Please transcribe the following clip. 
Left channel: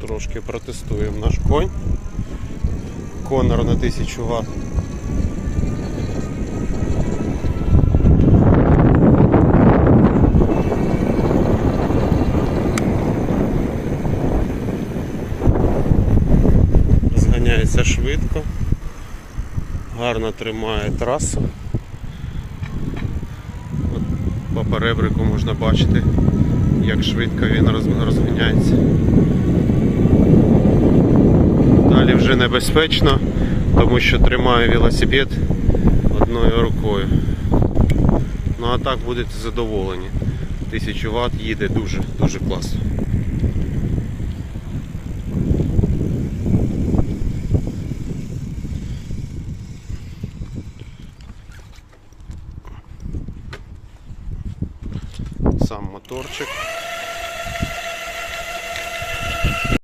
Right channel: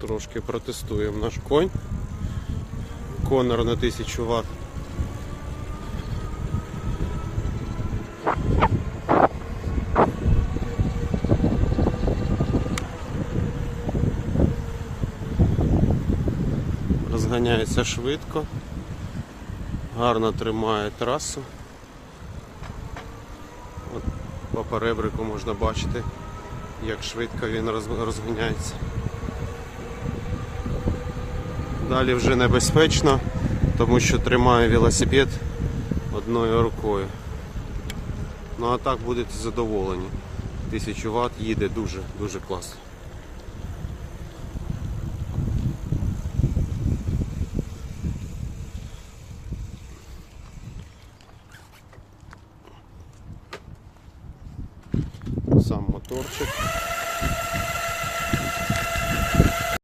Трошки протестуємо наш конь. Конор на 1000 Вт. Розганяється швидко, гарно тримає трасу. От по перебрику можна бачити, як швидко він розганяється. Далі вже небезпечно, тому що тримаю велосипед одною рукою. Ну а так будете задоволені. 1000 Вт їде дуже, дуже класно. Сам моторчик.